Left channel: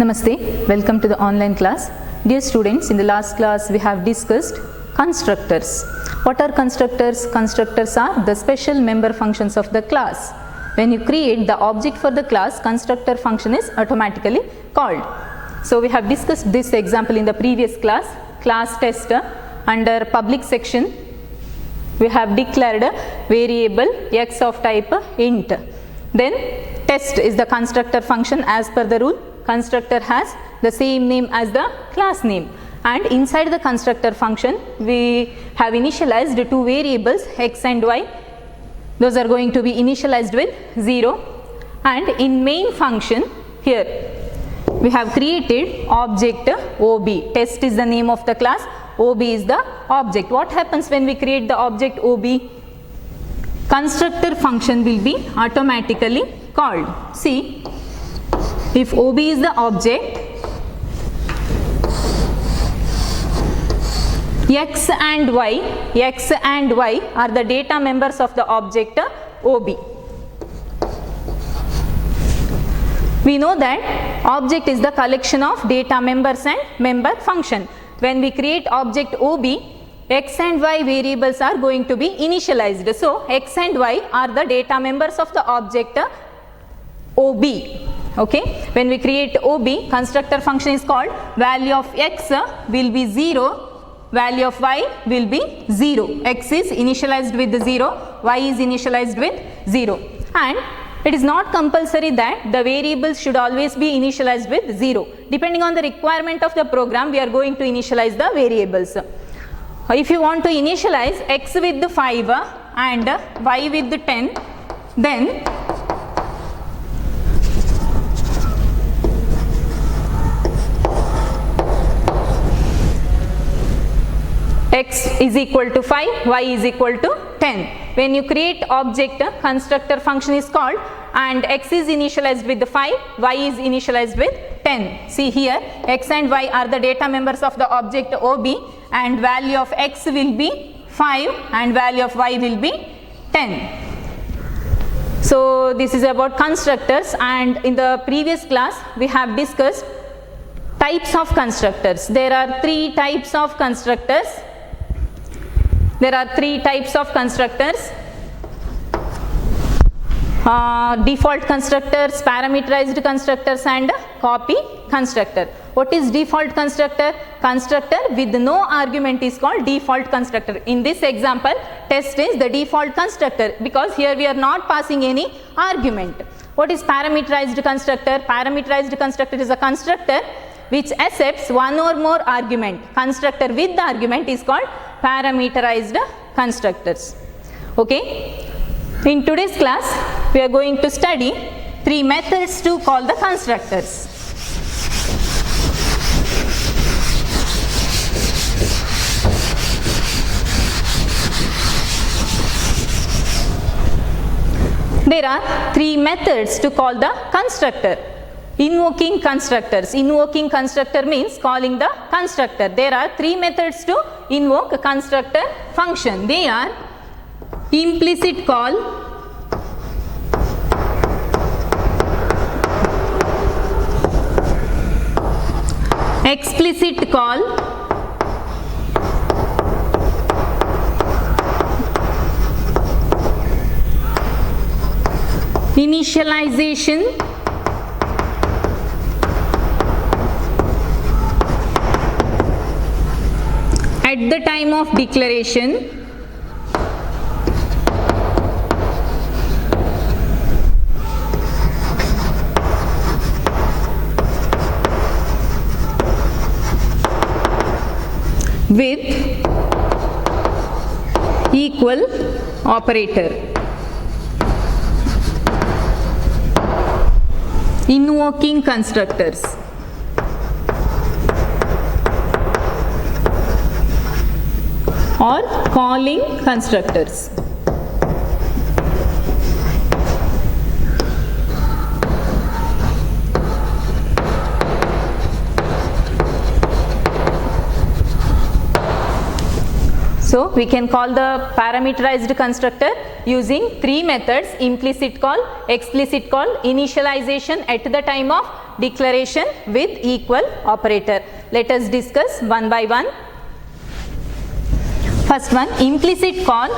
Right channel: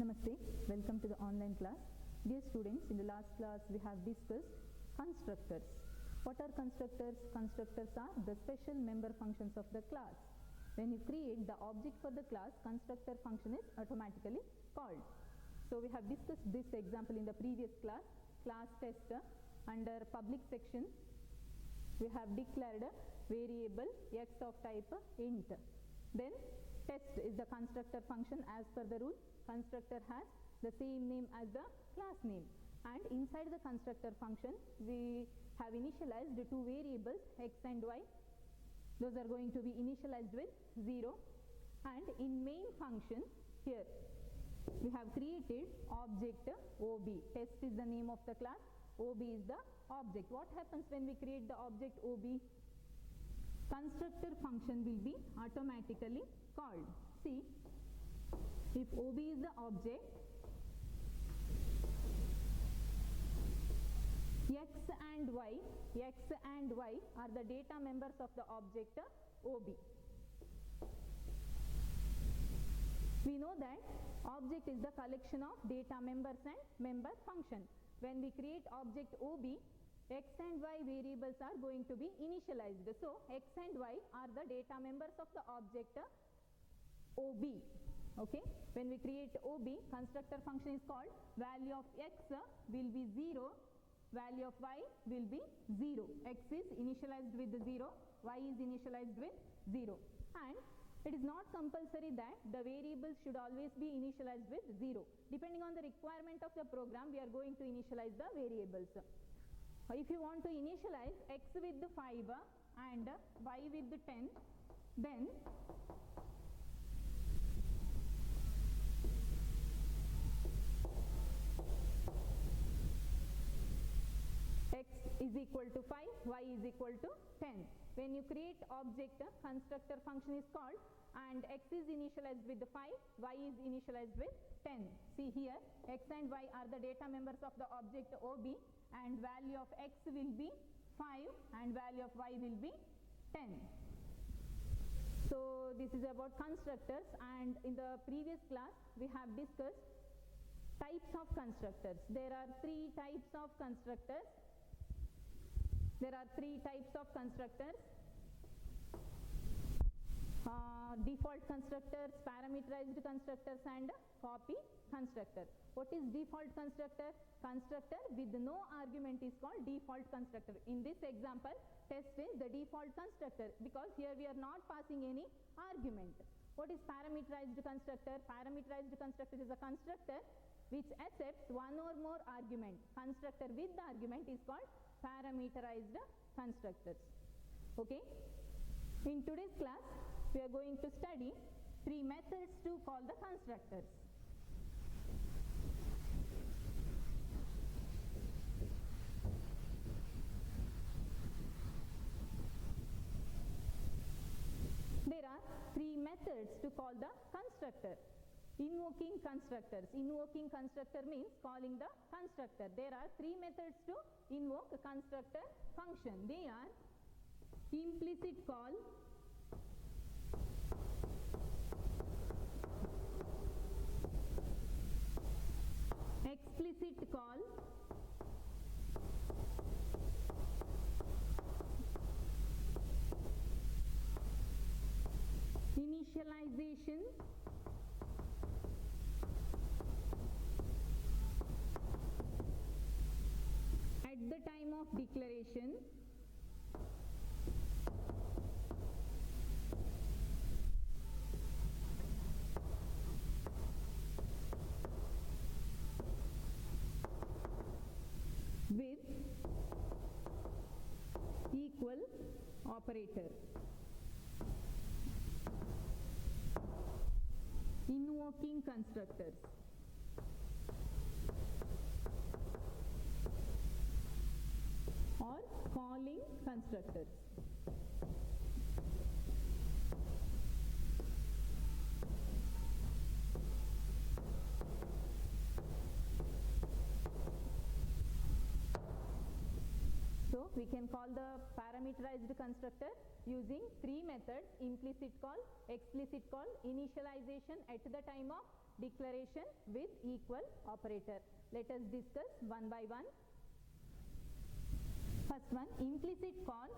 Namaste, welcome to the online class. Dear students, in the last class we have discussed constructors. What are constructors? Constructors are the special member functions of the class. When you create the object for the class, constructor function is automatically called. So we have discussed this example in the previous class. Class test under public section we have declared a variable x of type int. Then test is the constructor function as per the rule. Constructor has the same name as the class name, and inside the constructor function we have initialized two variables x and y. Those are going to be initialized with 0, and in main function here we have created object OB. Test is the name of the class, OB is the object. What happens when we create the object OB? Constructor function will be automatically called. See, if OB is the object, x and y are the data members of the object OB. We know that object is the collection of data members and member function. When we create object OB, x and y variables are going to be initialized. So x and y are the data members of the object OB. Okay, when we create OB, constructor function is called. Value of x will be 0, value of y will be 0. X is initialized with 0, y is initialized with 0, and it is not compulsory that the variables should always be initialized with 0. Depending on the requirement of the program, we are going to initialize the variables. If you want to initialize x with 5 and y with 10, then x is equal to 5, y is equal to 10. When you create object, constructor function is called, and x is initialized with 5, y is initialized with 10. See here, x and y are the data members of the object OB, and value of x will be 5 and value of y will be 10. So this is about constructors, and in the previous class we have discussed types of constructors. There are three types of constructors. Default constructors, parameterized constructors, and copy constructor. What is default constructor? Constructor with no argument is called default constructor. In this example, test is the default constructor because here we are not passing any argument. What is parameterized constructor? Parameterized constructor is a constructor which accepts one or more argument. Constructor with the argument is called parameterized constructors. Okay. In today's class, we are going to study three methods to call the constructors. There are three methods to call the constructor. Invoking constructors. Invoking constructor means calling the constructor. There are three methods to invoke a constructor function. They are implicit call, explicit call, initialization, at the time of declaration, with equal operator. Invoking constructors. Or calling constructors. So we can call the parameterized constructor using three methods: implicit call, explicit call, initialization at the time of declaration with equal operator. Let us discuss one by one. First one, implicit call.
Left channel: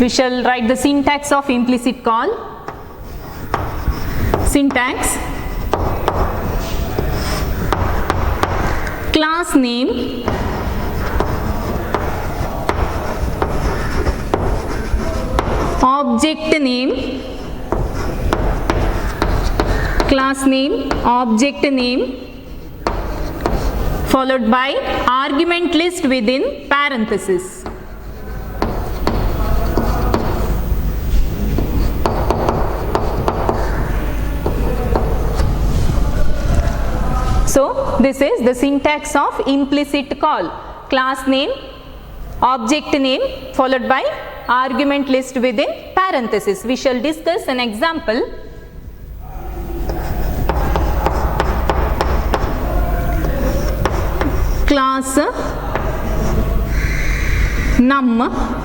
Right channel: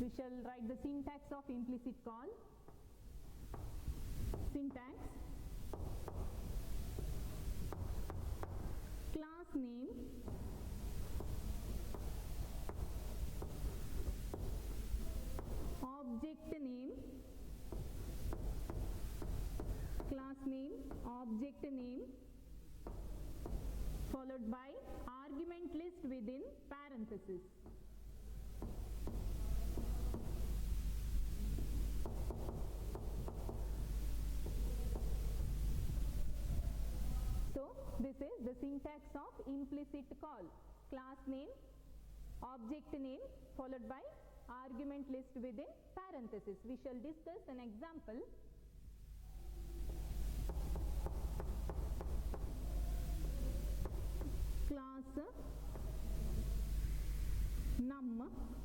We shall write the syntax of implicit call. Syntax: class name, object name, class name, object name, followed by argument list within parenthesis. So this is the syntax of implicit call. Class name, object name, followed by argument list within parenthesis. We shall discuss an example. Class num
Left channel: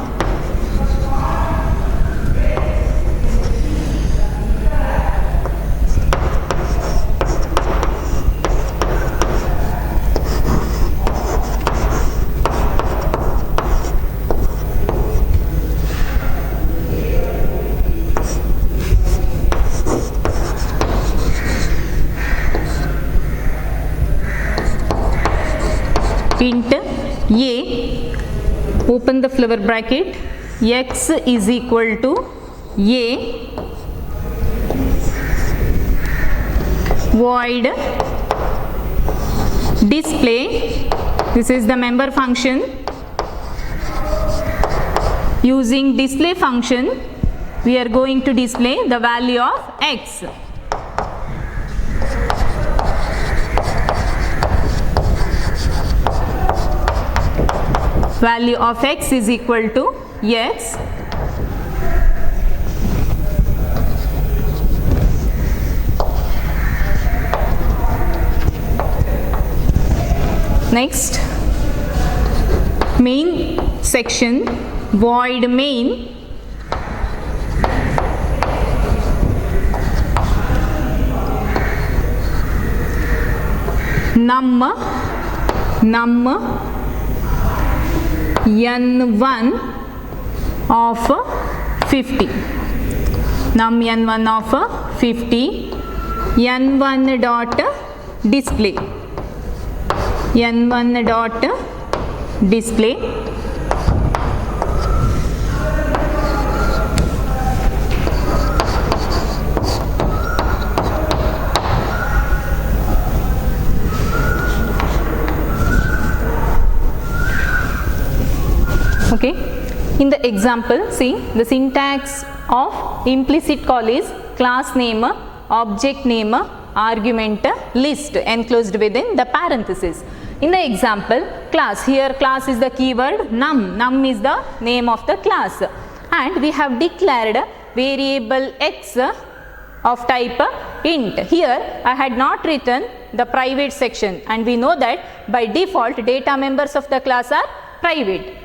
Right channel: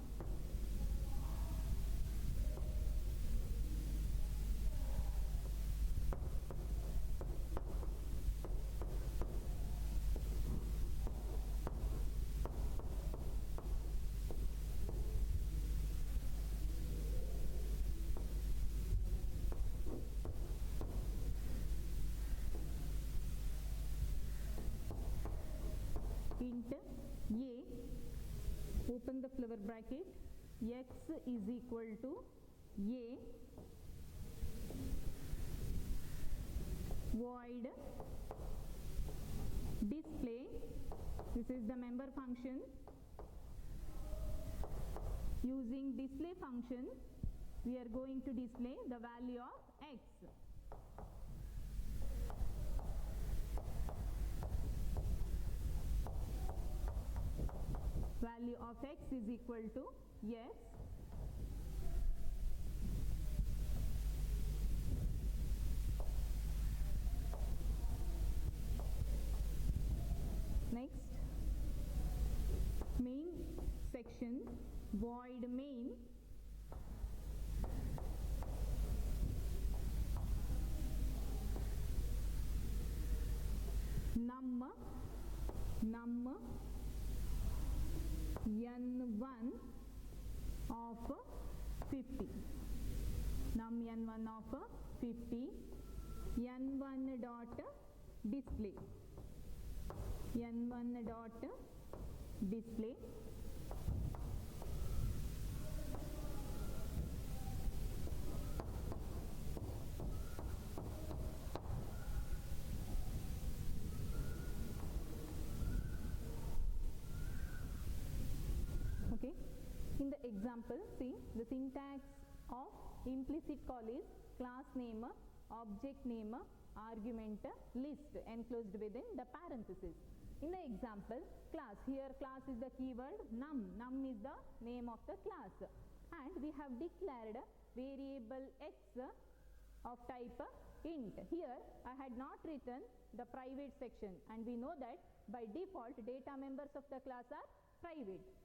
int a, open the flower bracket, x is equal to a, void display, this is the member function. Using display function, we are going to display the value of x. Value of x is equal to x. Next, main section, void main, num n1 of 50, num n1 of 50, n1 dot display, n1 dot display, okay. In the example, see, the syntax of implicit call is class name, object name, argument list enclosed within the parenthesis. In the example, class, here class is the keyword, num is the name of the class, and we have declared variable x of type int. Here I had not written the private section, and we know that by default data members of the class are private.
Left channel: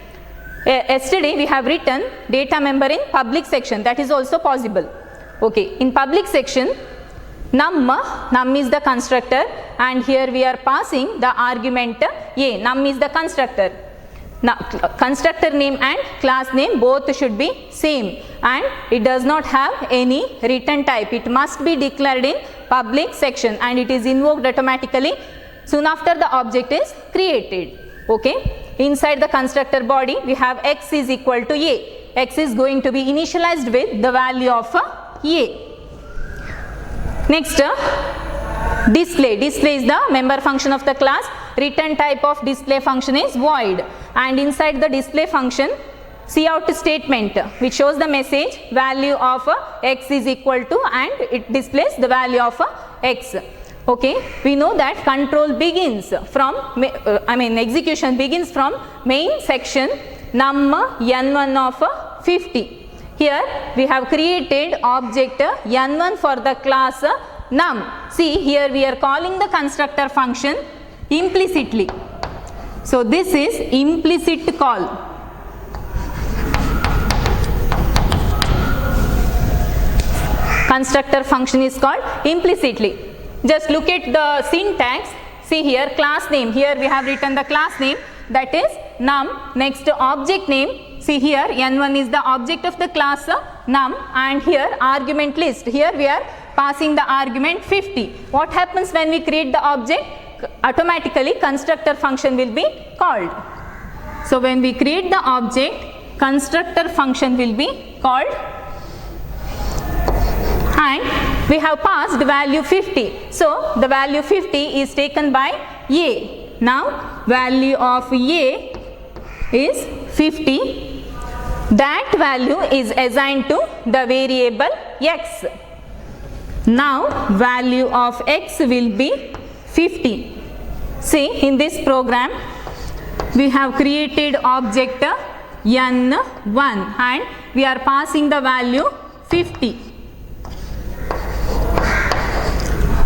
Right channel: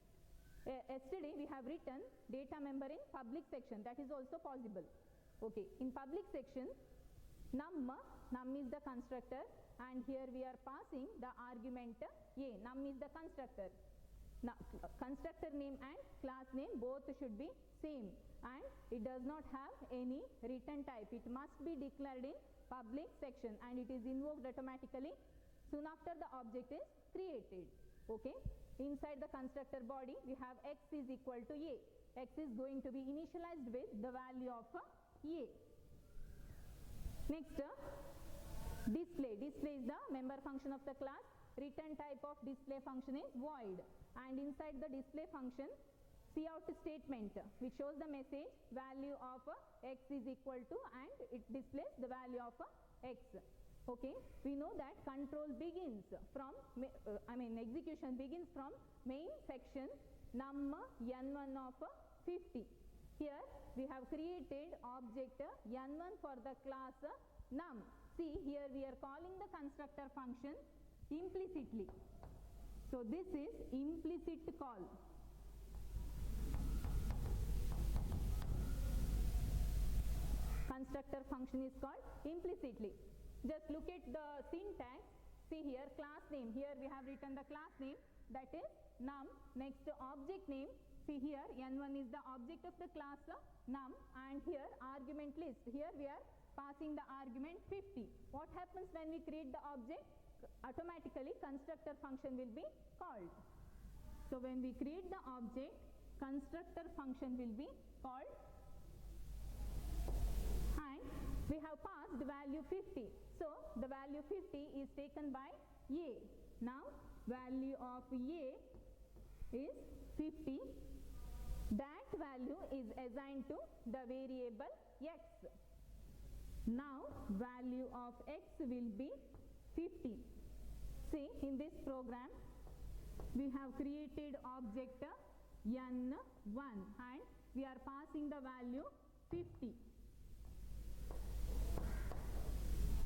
Yesterday we have written data member in public section, that is also possible. Okay, in public section, num is the constructor, and here we are passing the argument a. Num is the constructor. Now constructor name and class name both should be same, and it does not have any return type. It must be declared in public section, and it is invoked automatically soon after the object is created. Okay. Inside the constructor body, we have x is equal to a. X is going to be initialized with the value of a. Next, display. Display is the member function of the class. Return type of display function is void, and inside the display function, cout statement which shows the message value of x is equal to, and it displays the value of x. Okay, we know that control begins from, execution begins from main section num n1 of 50. Here we have created object n1 for the class num. See, here we are calling the constructor function implicitly. So this is implicit call. constructor function is called implicitly. Just look at the syntax. See here, class name. Here we have written the class name, that is num. Next object name. See here, n1 is the object of the class num, and here argument list. Here we are passing the argument 50. What happens when we create the object? Automatically constructor function will be called. So when we create the object, constructor function will be called, and we have passed value 50. So the value 50 is taken by a. Now value of a is 50. That value is assigned to the variable x. Now value of x will be 50. See, in this program we have created object n1 and we are passing the value 50.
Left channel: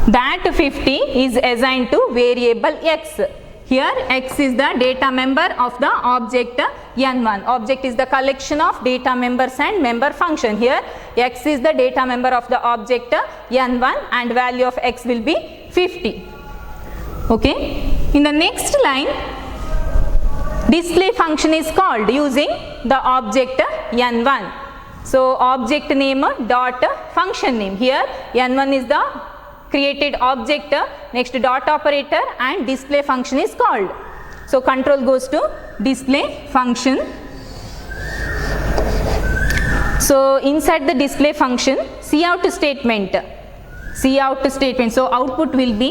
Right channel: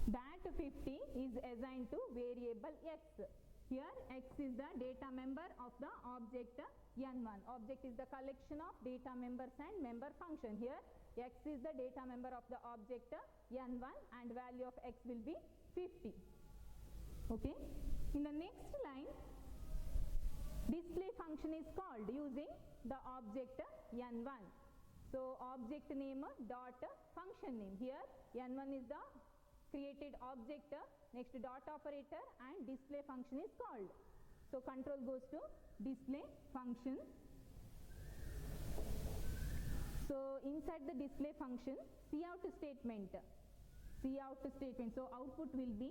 That 50 is assigned to variable x. Here x is the data member of the object n1. Object is the collection of data members and member function. Here x is the data member of the object n1 and value of x will be 50. Okay. In the next line, display function is called using the object n1. So object name dot function name. Here n1 is the created object, next dot operator, and display function is called. So control goes to display function. So inside the display function, cout statement. Cout statement. So output will be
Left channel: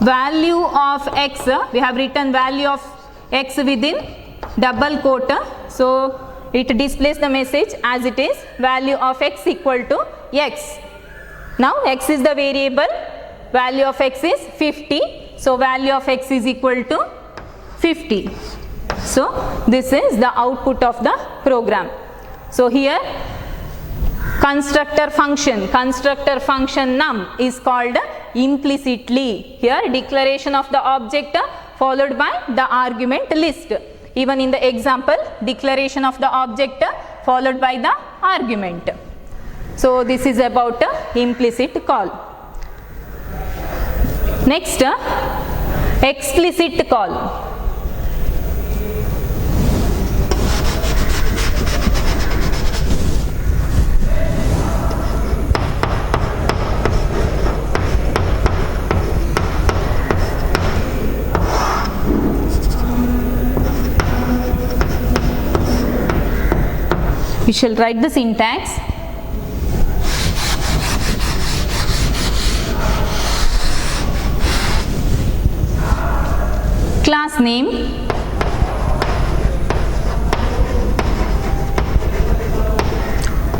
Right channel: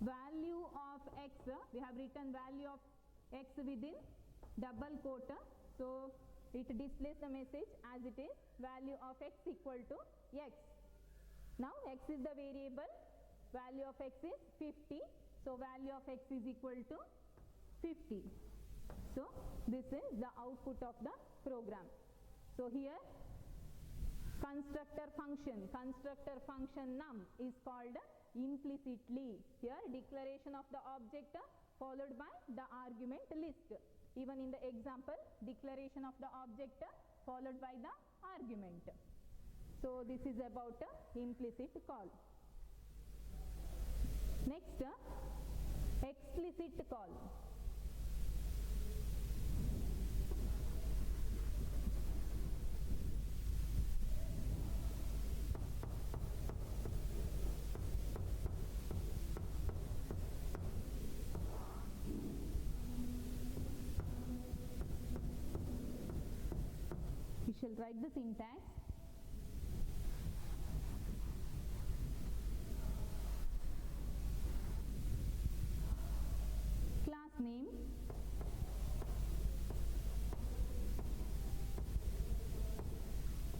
value of x. We have written value of x within double quote. So it displays the message as it is, value of x equal to x. Now x is the variable, value of x is 50. So value of x is equal to 50. So this is the output of the program. So here constructor function num is called implicitly. Here declaration of the object followed by the argument list. Even in the example, declaration of the object followed by the argument. So this is about implicit call. Next, explicit call. We shall write the syntax. Class name,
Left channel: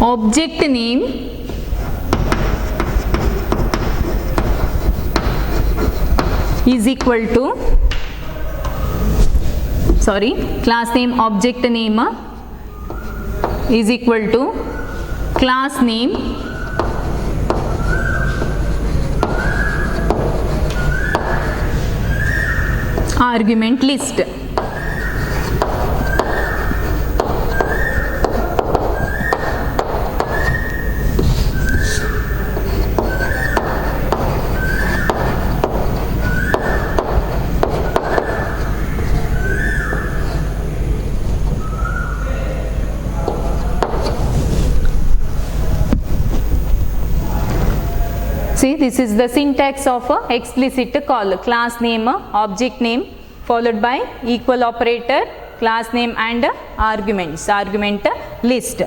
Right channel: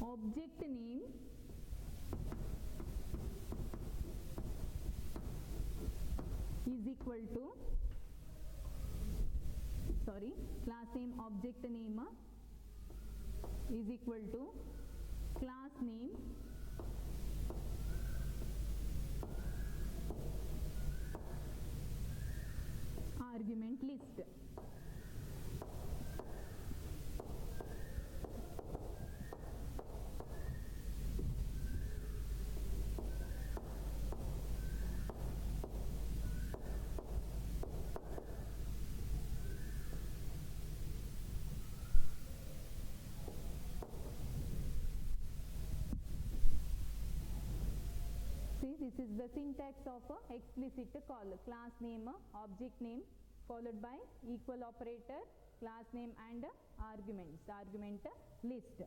object name, is equal to, class name object name is equal to class name argument list. See, this is the syntax of a explicit call. Class name, object name, followed by equal operator, class name and arguments, argument list.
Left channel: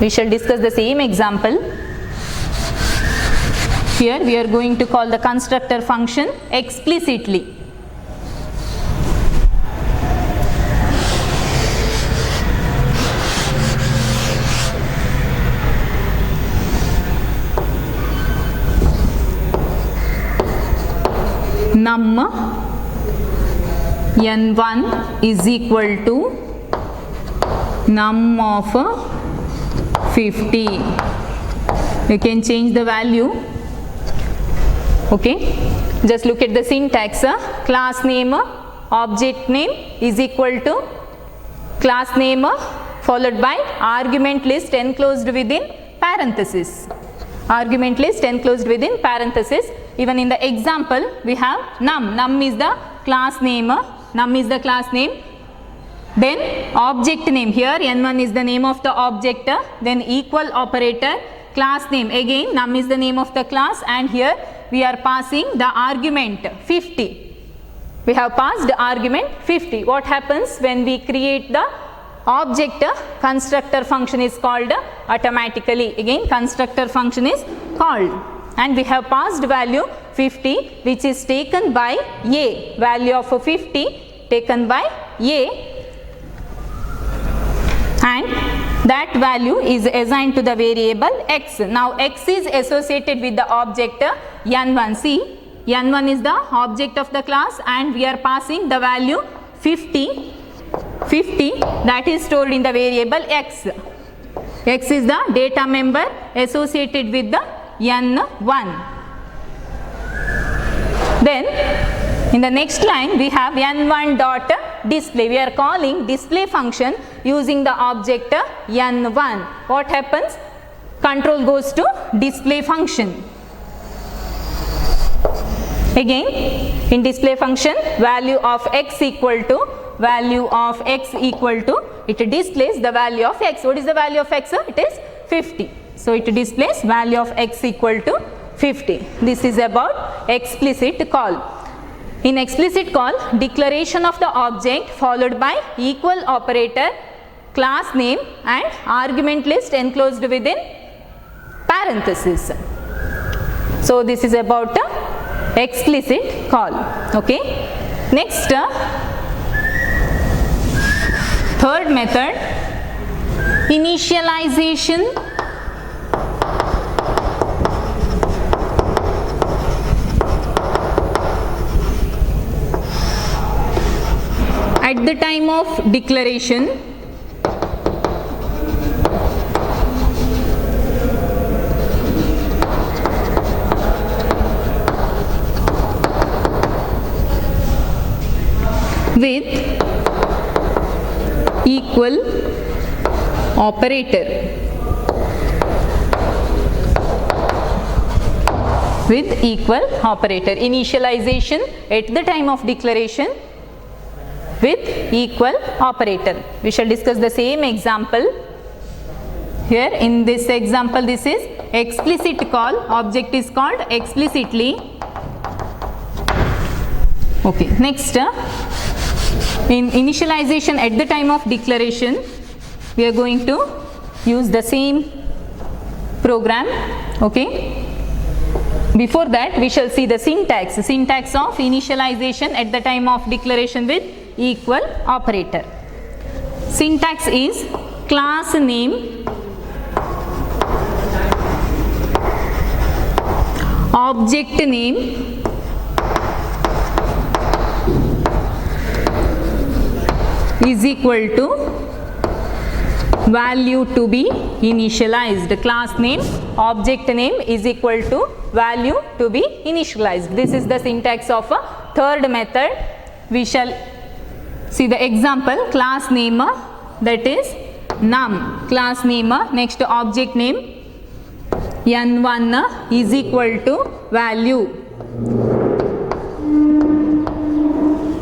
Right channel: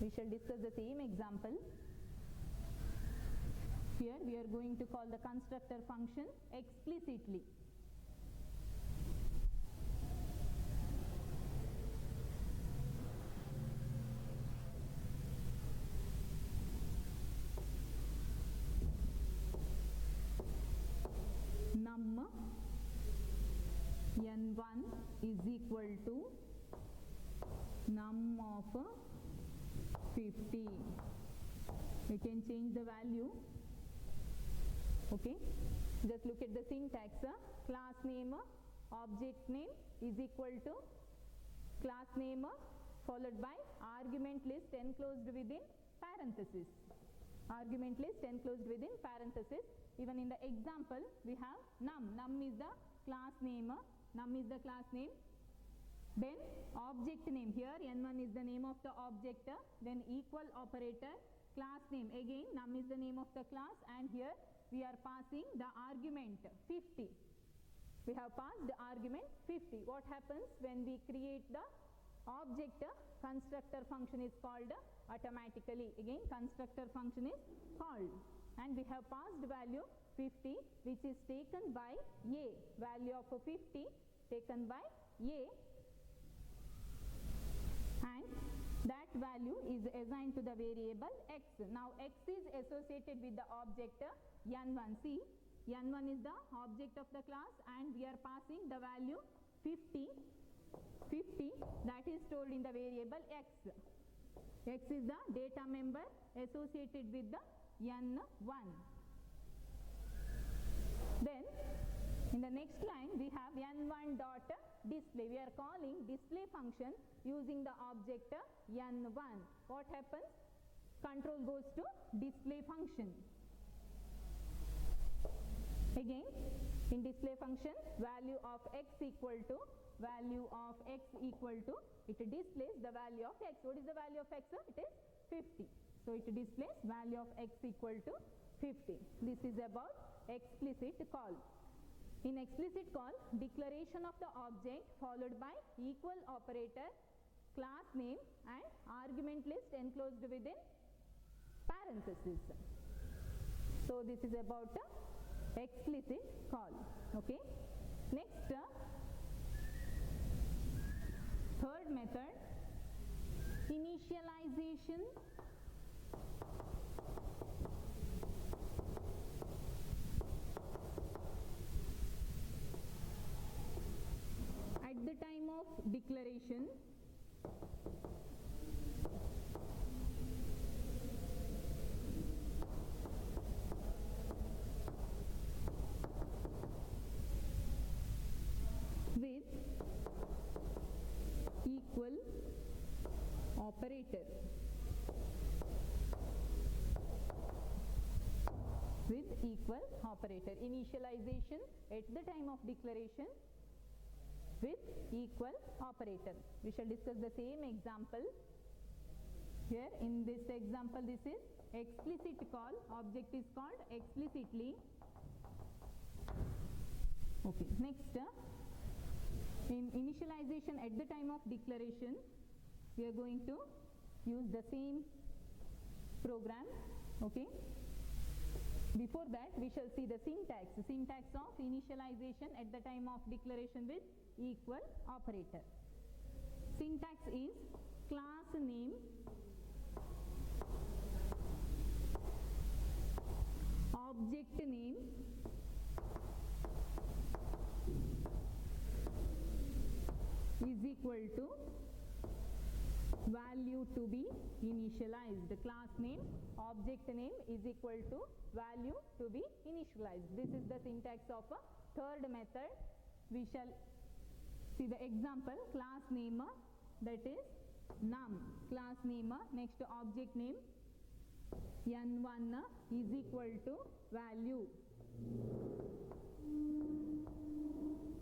We shall discuss the same example. Here we are going to call the constructor function explicitly. Num n1 is equal to num of 50. You can change the value. Okay, just look at the syntax. Class name, object name is equal to class name followed by argument list enclosed within parenthesis. Argument list enclosed within parenthesis. Even in the example we have num. Num is the class name. Num is the class name. Then object name, here n1 is the name of the object, then equal operator, class name, again num is the name of the class, and here we are passing the argument 50. We have passed the argument 50. What happens when we create the object? Constructor function is called automatically. Again constructor function is called, and we have passed value 50, which is taken by a, value of 50 taken by a, and that value is assigned to the variable x. Now x is associated with the object n1. See, n1 is the object of the class, and we are passing the value 50. 50 that is stored in the variable x. X is the data member associated with the n1. Then in the next line we have n1 dot display. We are calling display function using the object n1. What happens? Control goes to display function. Again in display function, value of x equal to, value of x equal to, it displays the value of x. What is the value of x? It is 50. So it displays value of x equal to 50. This is about explicit call. In explicit call, declaration of the object followed by equal operator, class name, and argument list enclosed within parenthesis. So this is about explicit call. Okay. Next, third method, initialization. At the time of declaration, with equal operator, with equal operator. Initialization at the time of declaration with equal operator. We shall discuss the same example. Here in this example, this is explicit call. Object is called explicitly. Okay. Next, in initialization at the time of declaration, we are going to use the same program. Okay. Before that, we shall see the syntax. Syntax of initialization at the time of declaration with equal operator. Syntax is class name, object name, is equal to value to be initialized. Class name, object name is equal to value to be initialized. This is the syntax of a third method. We shall see the example. Class name, that is num. Class name, next object name n1 is equal to value.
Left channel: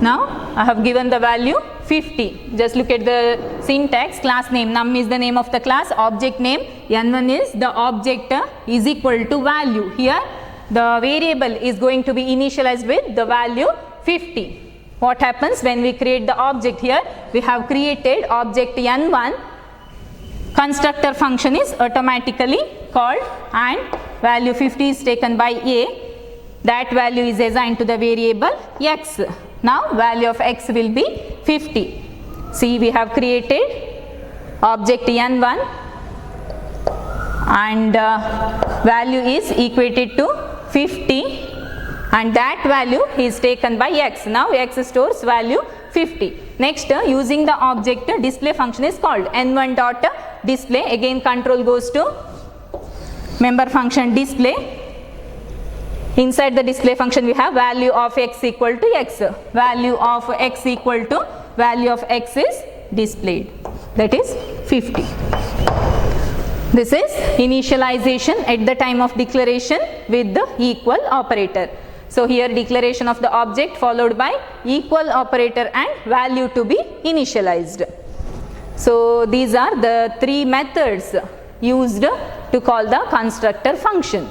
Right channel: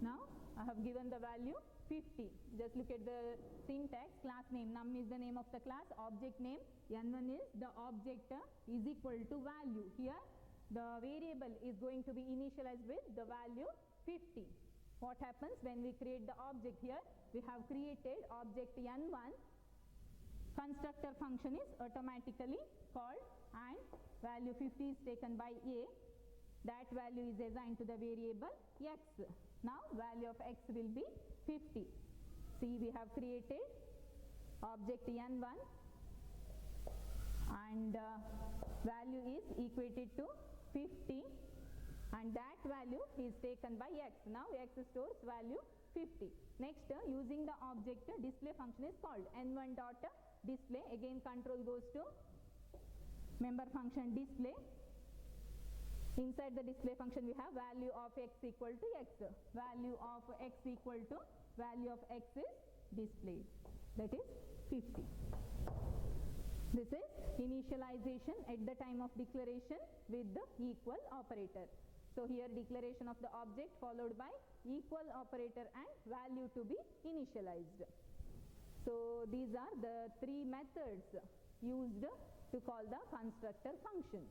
Now I have given the value 50. Just look at the syntax. Class name, num is the name of the class, object name n1 is the object, is equal to value. Here the variable is going to be initialized with the value 50. What happens when we create the object? Here we have created object n1, constructor function is automatically called, and value 50 is taken by a. That value is assigned to the variable x. Now value of x will be 50. See, we have created object n1 and value is equated to 50, and that value is taken by x. Now x stores value 50. Next, using the object display function is called n1 dot display. Again control goes to member function display. Inside the display function we have value of x equal to x. Value of x equal to value of x is displayed, that is 50. This is initialization at the time of declaration with the equal operator. So here declaration of the object followed by equal operator and value to be initialized. So these are the three methods used to call the constructor function.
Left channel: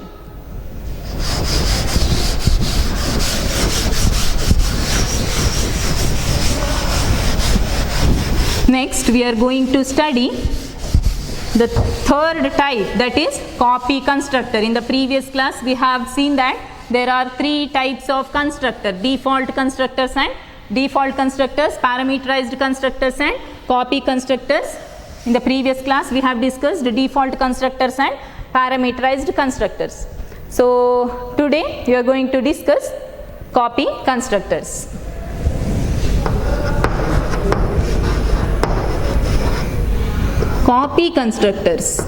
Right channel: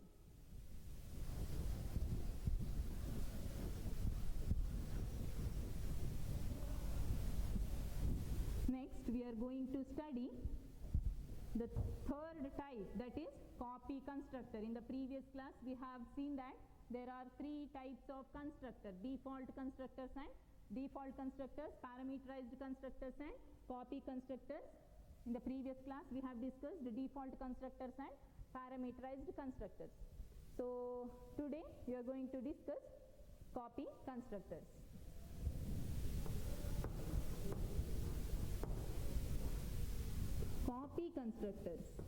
Next we are going to study the third type, that is copy constructor. In the previous class we have seen that there are three types of constructor: default constructors and parameterized constructors and copy constructors. In the previous class we have discussed default constructors and parameterized constructors. So today we are going to discuss copy constructors. Copy constructors.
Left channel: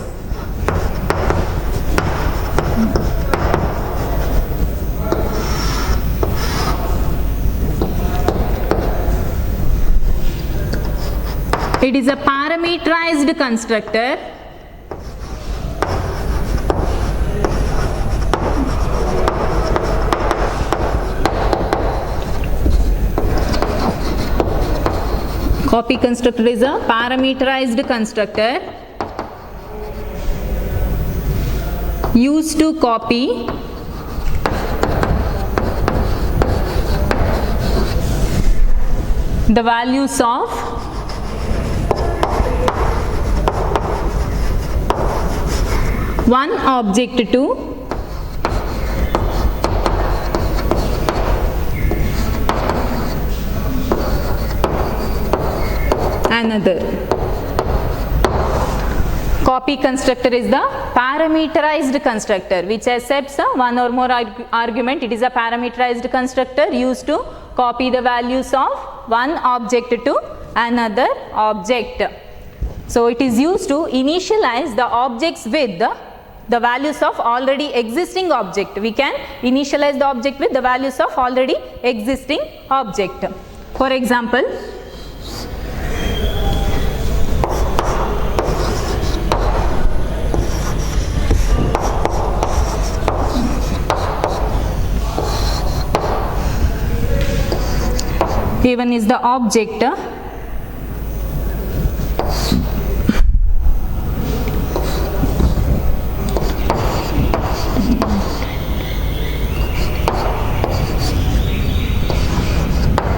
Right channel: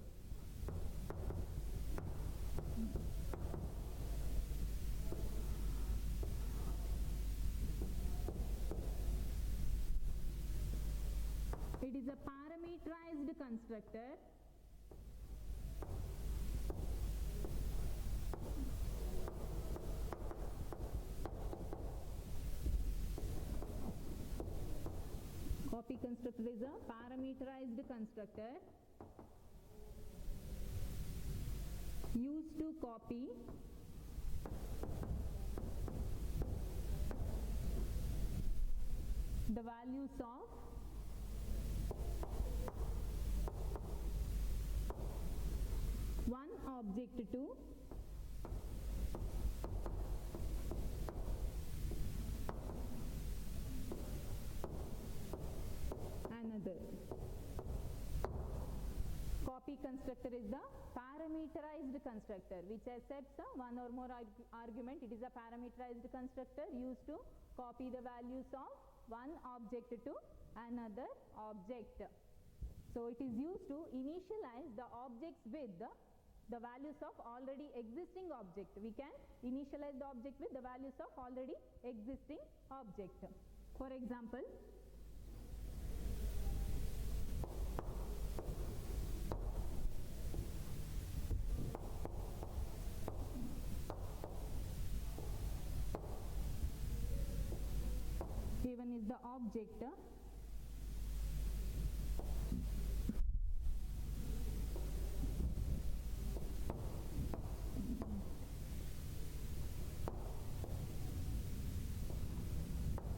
It is a parameterized constructor Copy constructor is a parameterized constructor used to copy the values of one object to another. Copy constructor is the parameterized constructor which accepts one or more argument. It is a parameterized constructor used to copy the values of one object to another object. So it is used to initialize the objects with the values of already existing object. We can initialize the object with the values of already existing object. For example, A1 is the object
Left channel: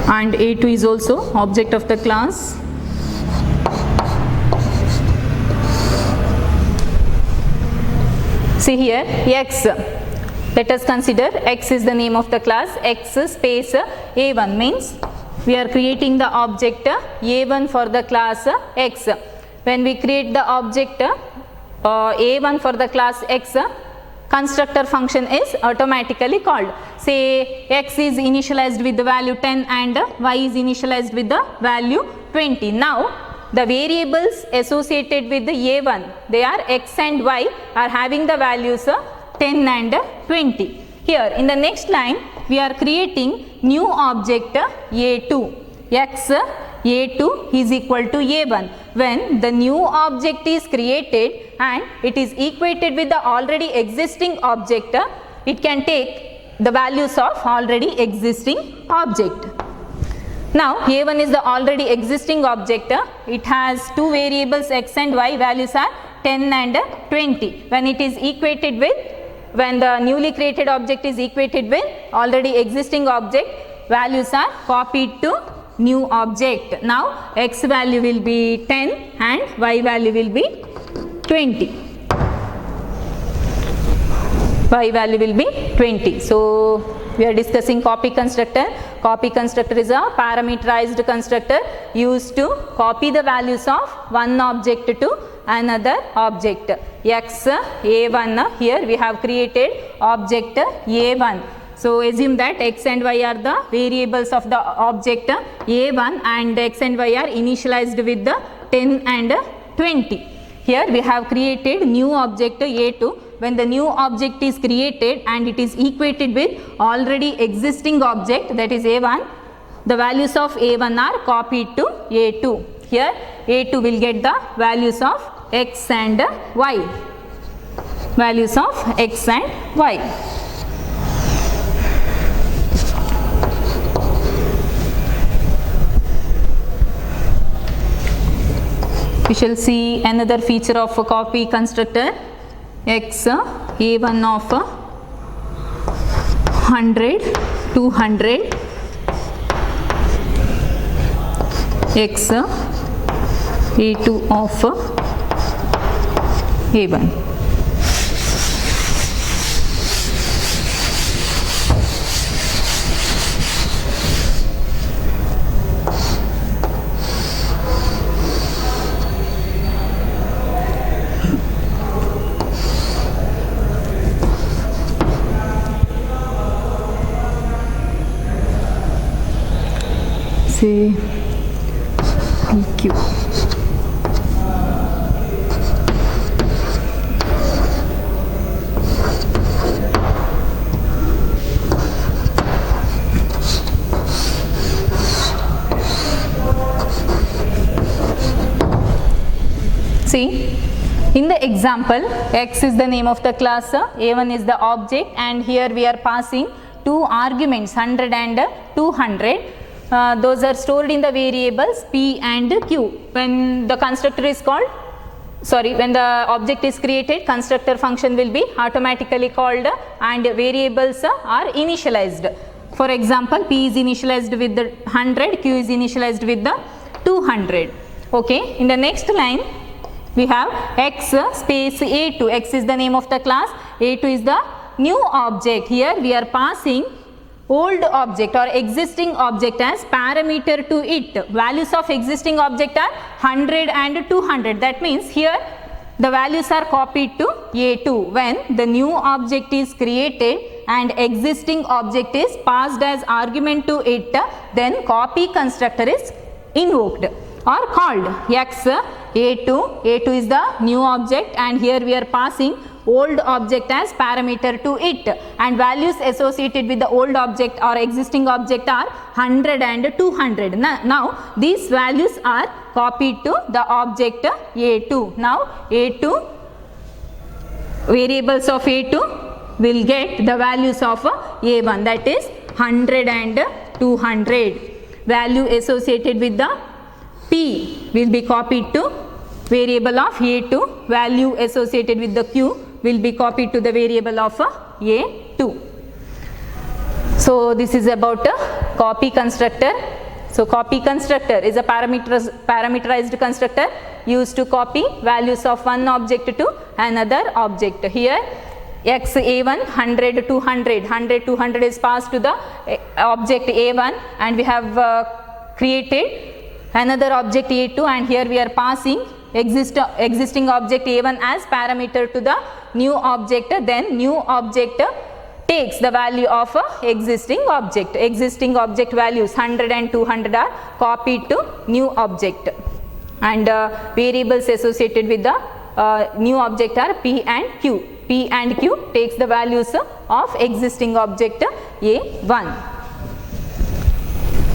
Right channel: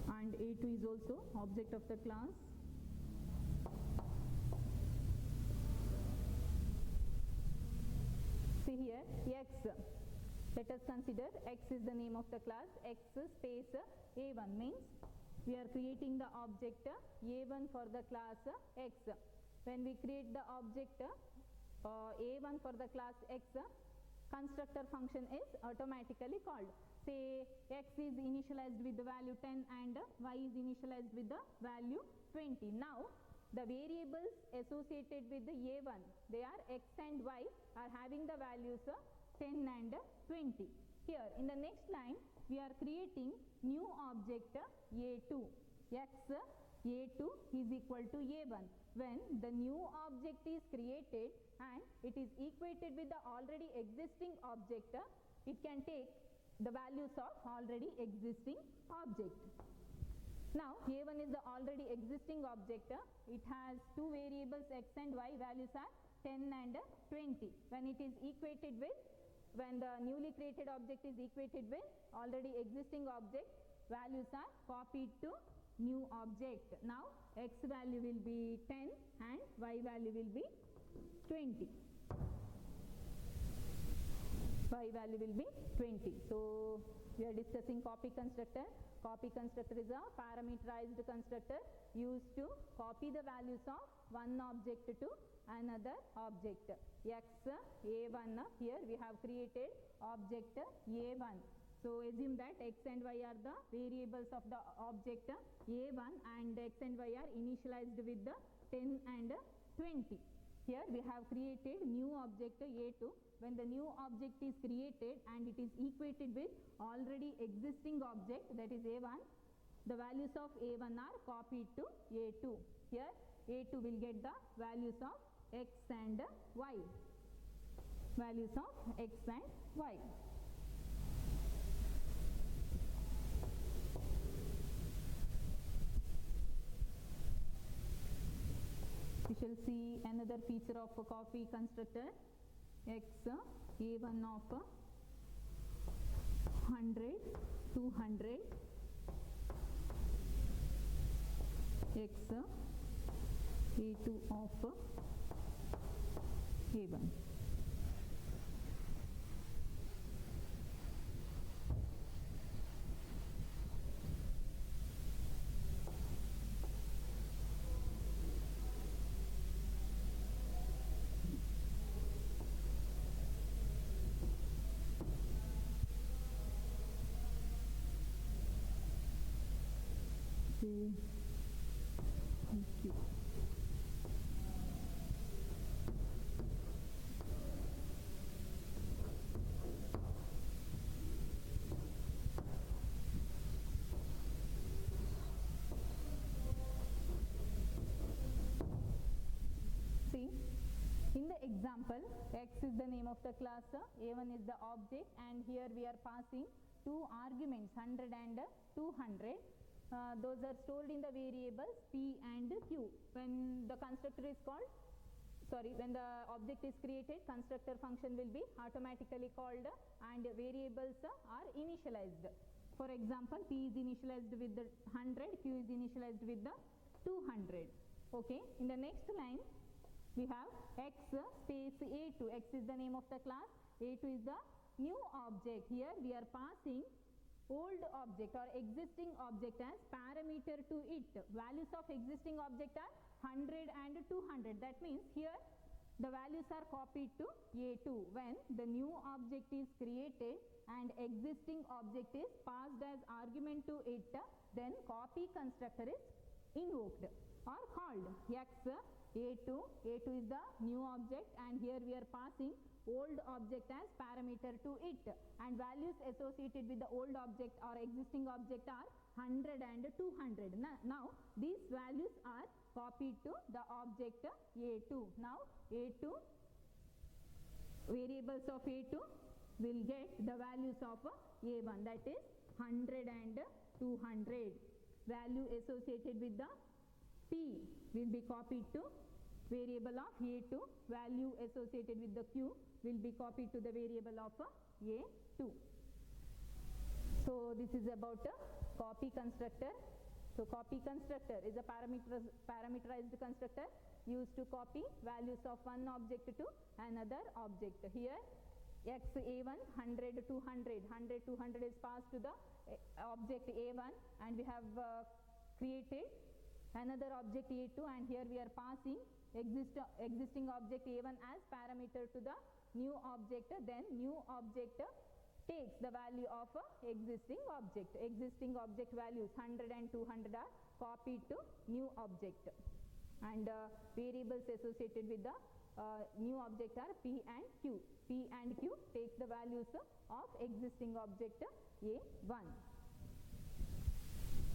and A2 is also object of the class. See here X. Let us consider X is the name of the class. X space A1 means we are creating the object A1 for the class X. When we create the object A1 for the class X, constructor function is automatically called. Say X is initialized with the value 10 and Y is initialized with the value 20. Now the variables associated with the A1, they are X and Y, are having the values 10 and 20. Here in the next line we are creating new object A2. X A2 is equal to A1. When the new object is created and it is equated with the already existing object, it can take the values of already existing object. Now A1 is the already existing object. It has two variables X and Y, values are 10 and 20. When it is equated with, when the newly created object is equated with already existing object, values are copied to new object. Now X value will be 10 and Y value will be 20. Y value will be 20. So we are discussing copy constructor. Copy constructor is a parameterized constructor used to copy the values of one object to another object. X A1, here we have created object A1. So assume that X and Y are the variables of the object A1 and X and Y are initialized with the 10 and 20. Here we have created new object A2. When the new object is created and it is equated with already existing object, that is A1, the values of A1 are copied to A2. Here A2 will get the values of x and y. Values of x and y. We shall see another feature of a copy constructor. X a1 of 100, 200, x a2 of a1. Say PQ. See, in the example, x is the name of the class, a1 is the object, and here we are passing two arguments 100 and 200. Those are stored in the variables p and q. When the constructor is called, when the object is created, constructor function will be automatically called and variables are initialized. For example, p is initialized with the 100, q is initialized with the 200. Okay. In the next line, we have x space a2. X is the name of the class, a2 is the new object. Here we are passing old object or existing object as parameter to it. Values of existing object are 100 and 200. That means here the values are copied to a2. When the new object is created and existing object is passed as argument to it, then copy constructor is invoked or called. X a2 is the new object, and here we are passing old object as parameter to it, and values associated with the old object or existing object are 100 and 200. Now these values are copied to the object a2. Now a2, variables of a2 will get the values of a1, that is 100 and 200. Value associated with the p will be copied to variable of a2. Value associated with the q will be copied to the variable of a2. So this is about a copy constructor. So copy constructor is a parameterized constructor used to copy values of one object to another object. Here x a1 100 200, 100 200 is passed to the object a1, and we have created another object a2, and here we are passing existing object a1 as parameter to the new object. Then new object takes the value of existing object. Existing object values 100 and 200 are copied to new object, and variables associated with the new object are p and q. P and q takes the values of existing object a1,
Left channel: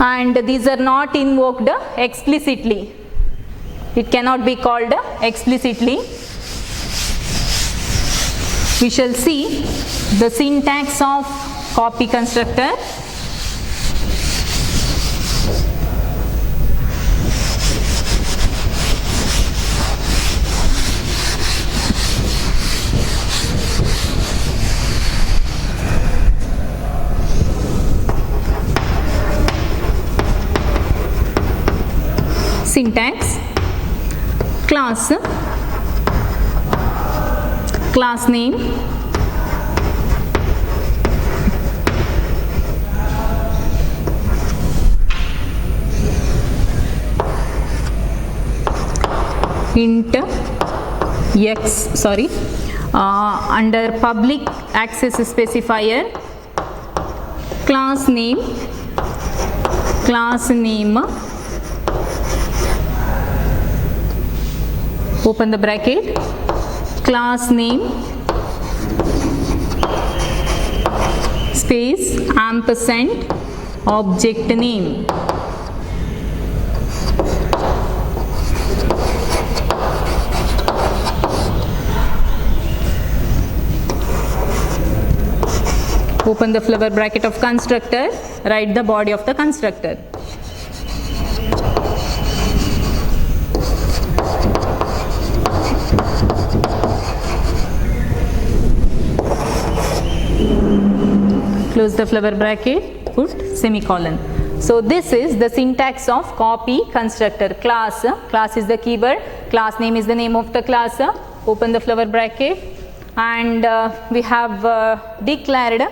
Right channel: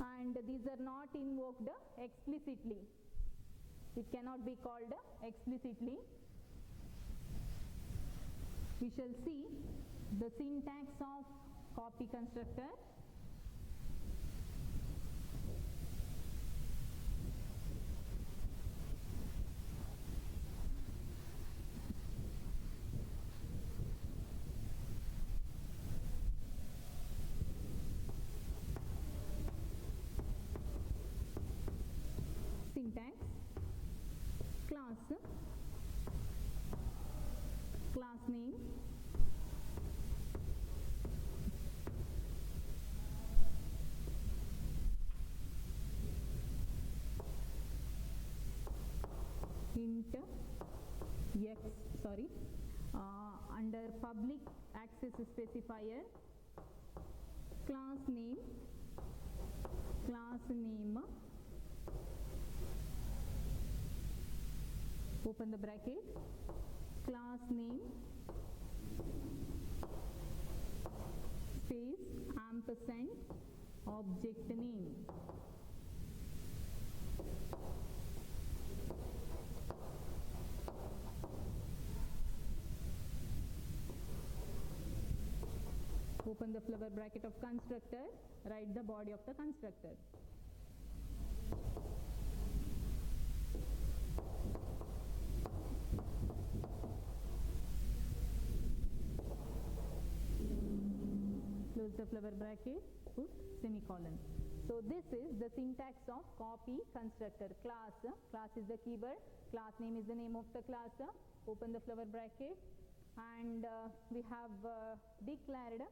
and these are not invoked explicitly. It cannot be called explicitly. We shall see the syntax of copy constructor. Syntax: class, class name, int x, under public access specifier, class name, open the bracket, class name space ampersand object name. Open the flower bracket of constructor, write the body of the constructor. Close the flower bracket, put semicolon. So this is the syntax of copy constructor. Class is the keyword, class name is the name of the class. Open the flower bracket, and we have declared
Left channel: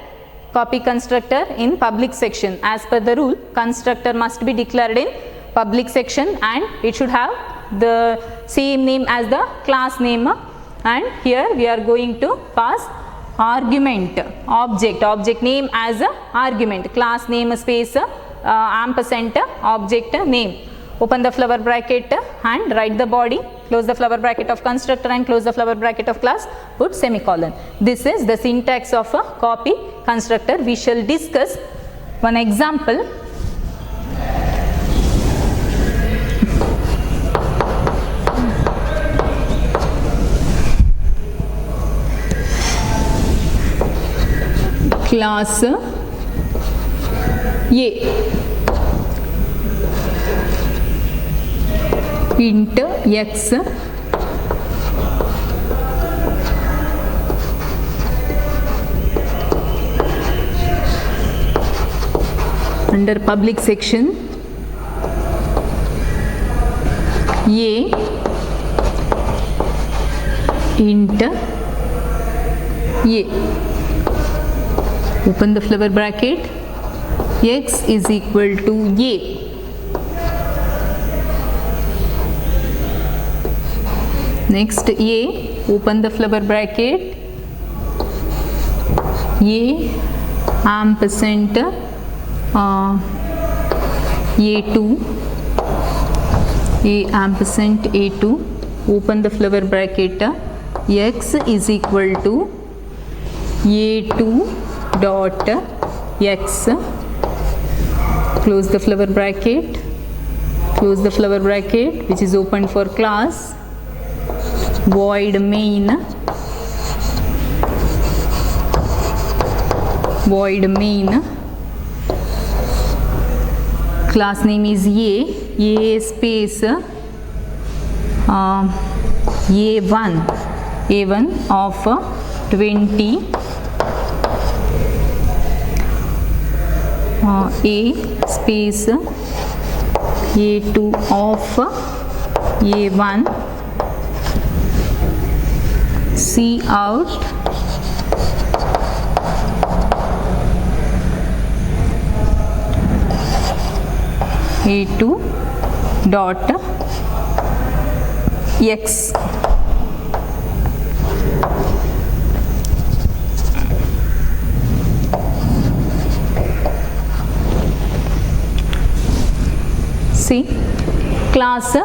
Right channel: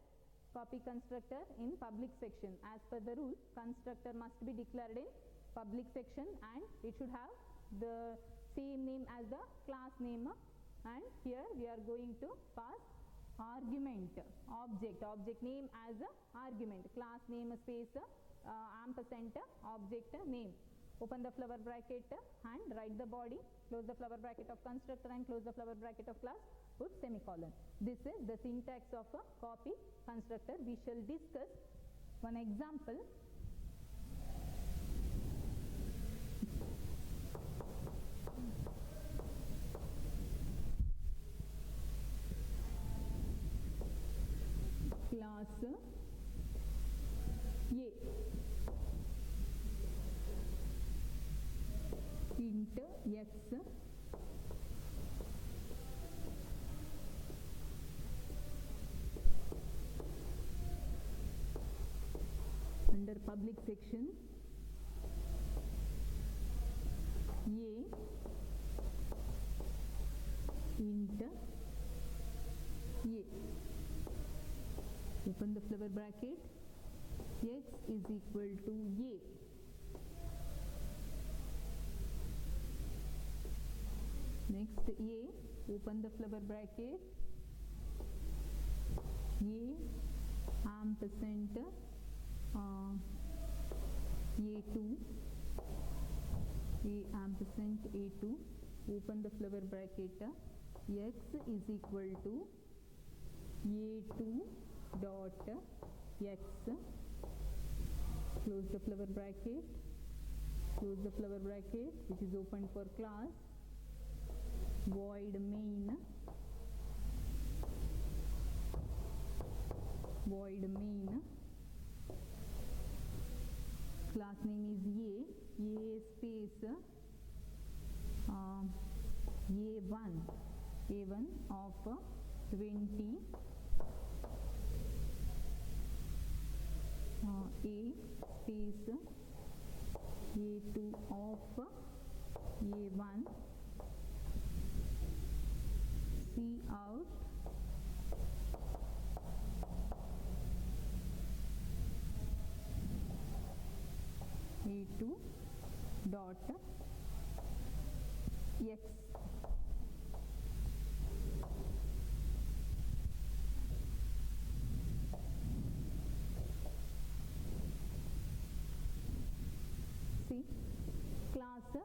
copy constructor in public section. As per the rule, constructor must be declared in public section and it should have the same name as the class name. And here we are going to pass argument, object name as a argument, class name space ampersand object name. Open the flower bracket and write the body, close the flower bracket of constructor and close the flower bracket of class, put semicolon. This is the syntax of a copy constructor. We shall discuss one example. Class A int x under public section A int A. Open the flower bracket, x is equal to A. Next A, open the flower bracket, A ampersand A2, A ampersand A2, open the flower bracket, x is equal to A2 dot x, close the flower bracket, which is open for class, void main, class name is A space A1 of 20, A space A2 of A1, C out A2 dot x. See, class A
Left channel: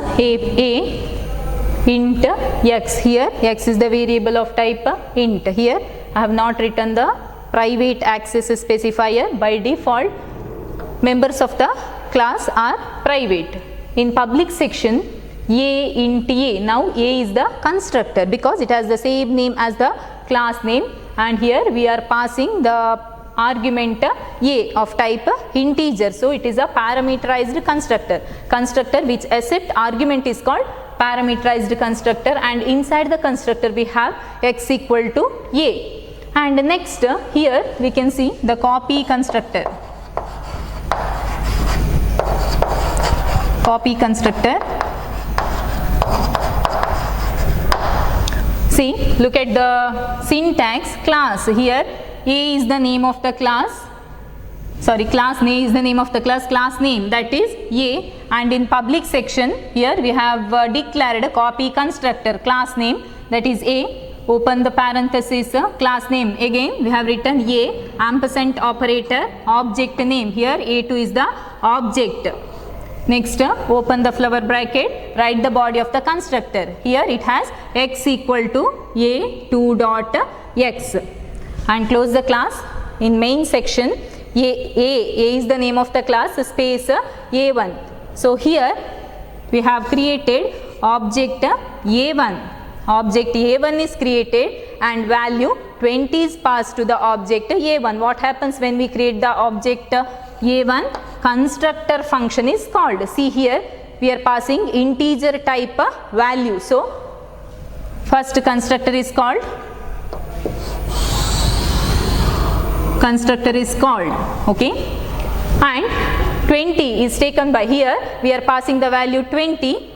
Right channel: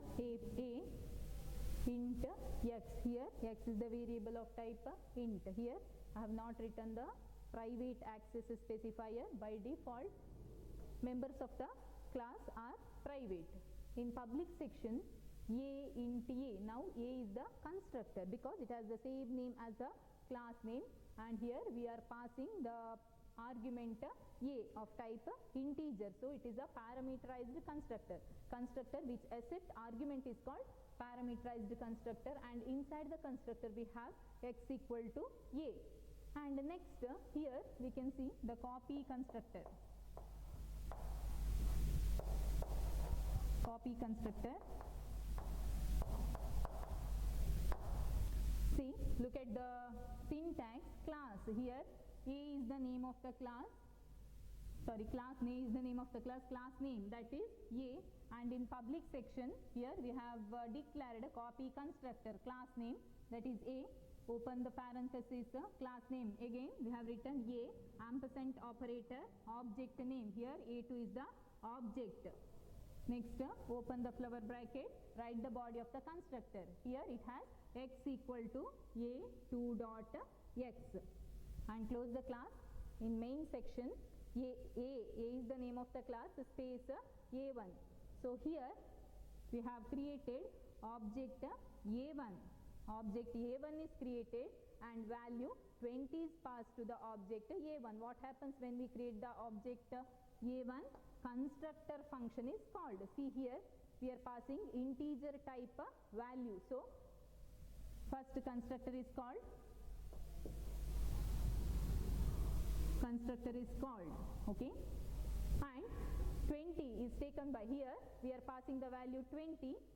int x. Here x is the variable of type int. Here I have not written the private access specifier. By default, members of the class are private. In public section, A int A. Now A is the constructor because it has the same name as the class name, and here we are passing the argument A of type integer. So it is a parameterized constructor which accept argument is called parameterized constructor, and inside the constructor we have x equal to A. And next here we can see the copy constructor. See, look at the syntax. Class, here A is the name of the class, class name is the name of the class name, that is A, and in public section here we have declared a copy constructor, class name, that is A. Open the parenthesis, class name, again we have written A ampersand operator, object name, here A2 is the object. Next, open the flower bracket, write the body of the constructor. Here it has x equal to A2 dot x, and close the class. In main section, A is the name of the class, space A1. So here we have created object A1. Object A1 is created, and value 20 is passed to the object A1. What happens when we create the object A1? Constructor function is called. See here, we are passing integer type value. So first constructor is called okay, and 20 is taken by here. We are passing the value 20.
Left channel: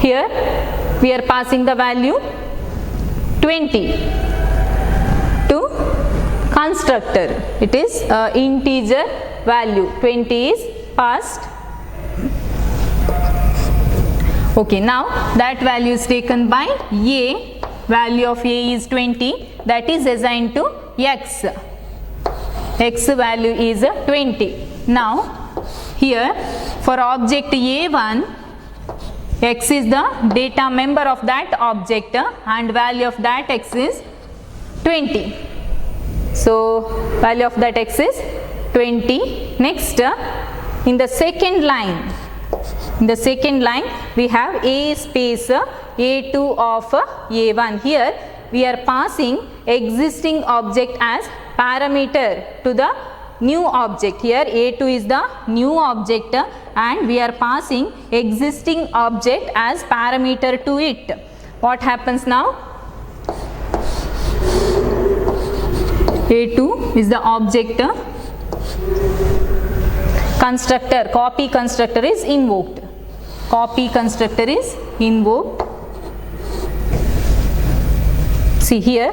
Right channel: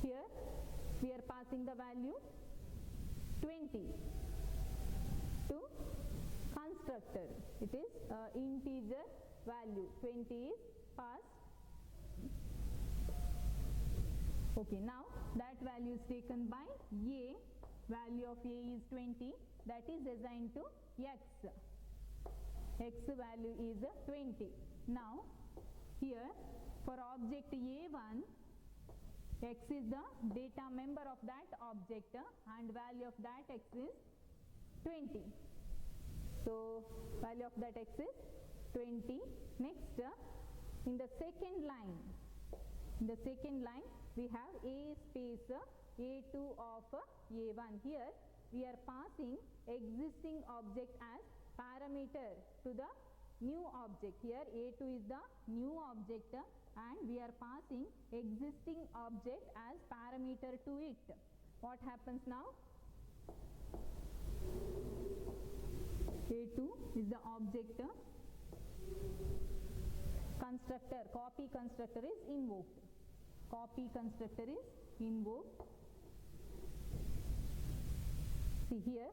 Here we are passing the value 20 to constructor. It is integer value. 20 is passed. Okay, now that value is taken by A. Value of A is 20. That is assigned to X. X value is 20. Now here for object A1, X is the data member of that object and value of that X is 20. So value of that X is 20. Next, in the second line we have A space A2 of A1. Here we are passing existing object as parameter to the new object. Here A2 is the new object and we are passing existing object as parameter to it. What happens now? A2 is the object. Constructor, copy constructor is invoked. Copy constructor is invoked. See here,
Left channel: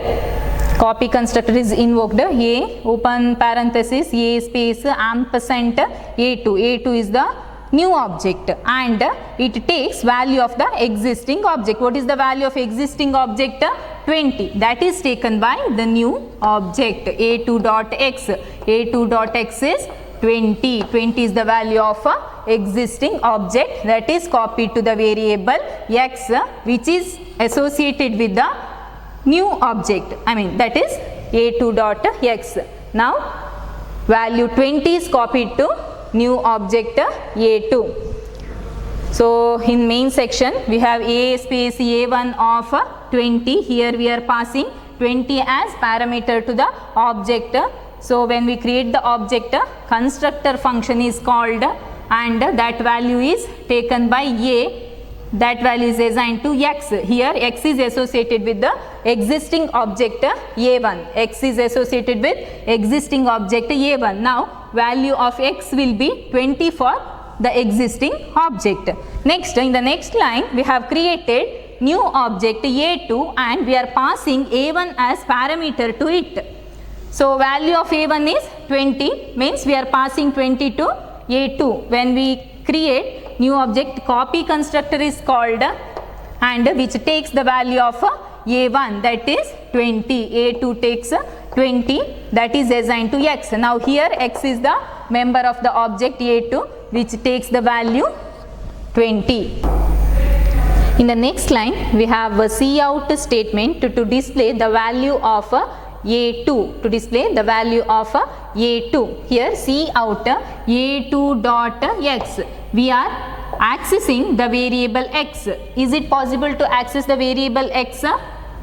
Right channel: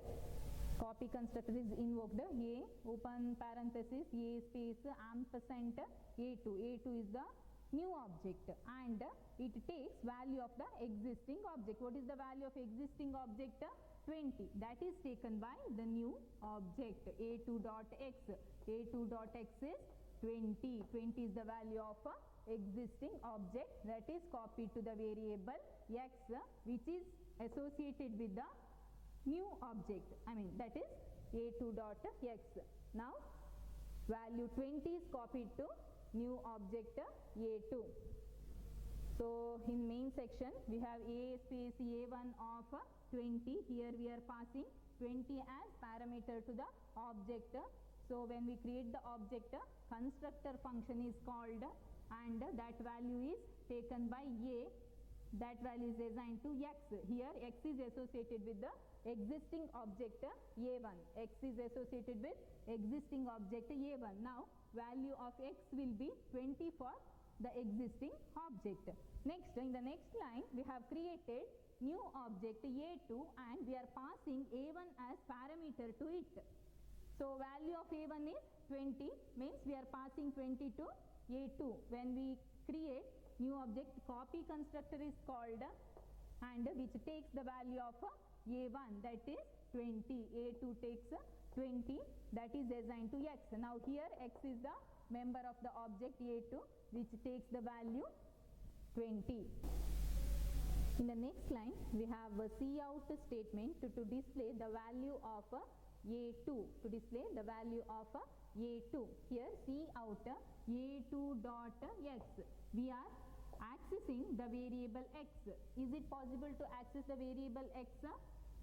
copy constructor is invoked. A open parenthesis A space ampersand A2. A2 is the new object and it takes value of the existing object. What is the value of existing object? 20. That is taken by the new object A2.x. A2.x is 20. 20 is the value of existing object that is copied to the variable x, which is associated with the new object. That is A2.x. Now value 20 is copied to new object A2. So in main section we have A space A1 of 20. Here we are passing 20 as parameter to the object. So when we create the object, constructor function is called and that value is taken by A. That value is assigned to X. Here X is associated with the existing object A1. X is associated with existing object A1. Now value of X will be 20 for the existing object. Next, in the next line we have created new object A2 and we are passing A1 as parameter to it. So value of A1 is 20, means we are passing 20 to A2. When we create new object, copy constructor is called and which takes the value of A1, that is 20. A2 takes 20, that is assigned to X. Now here X is the member of the object A2 which takes the value 20. In the next line we have a cout statement to display the value of A2, to display the value of A2. Here cout A2.x. We are accessing the variable x. Is it possible to access the variable x?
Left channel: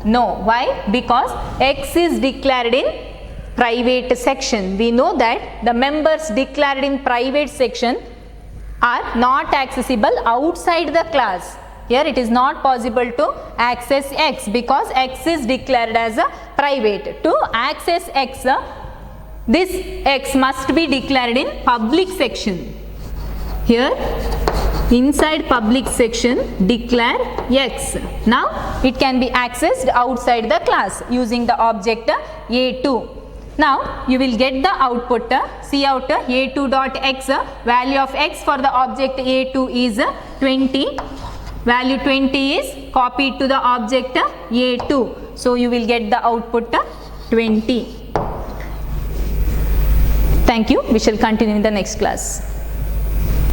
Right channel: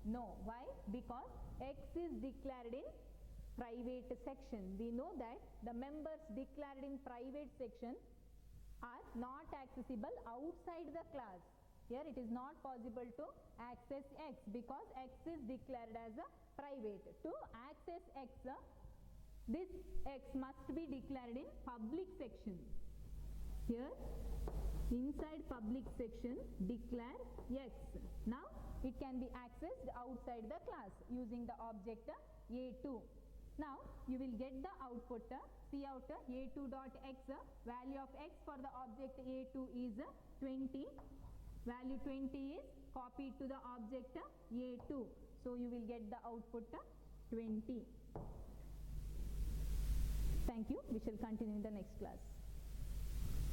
No. Why? Because x is declared in private section. We know that the members declared in private section are not accessible outside the class. Here it is not possible to access x because x is declared as a private. To access x, this x must be declared in public section. Here inside public section declare x. Now it can be accessed outside the class using the object A2. Now you will get the output cout A2.x. Value of x for the object A2 is 20. Value 20 is copied to the object A2. So you will get the output 20. Thank you. We shall continue in the next class.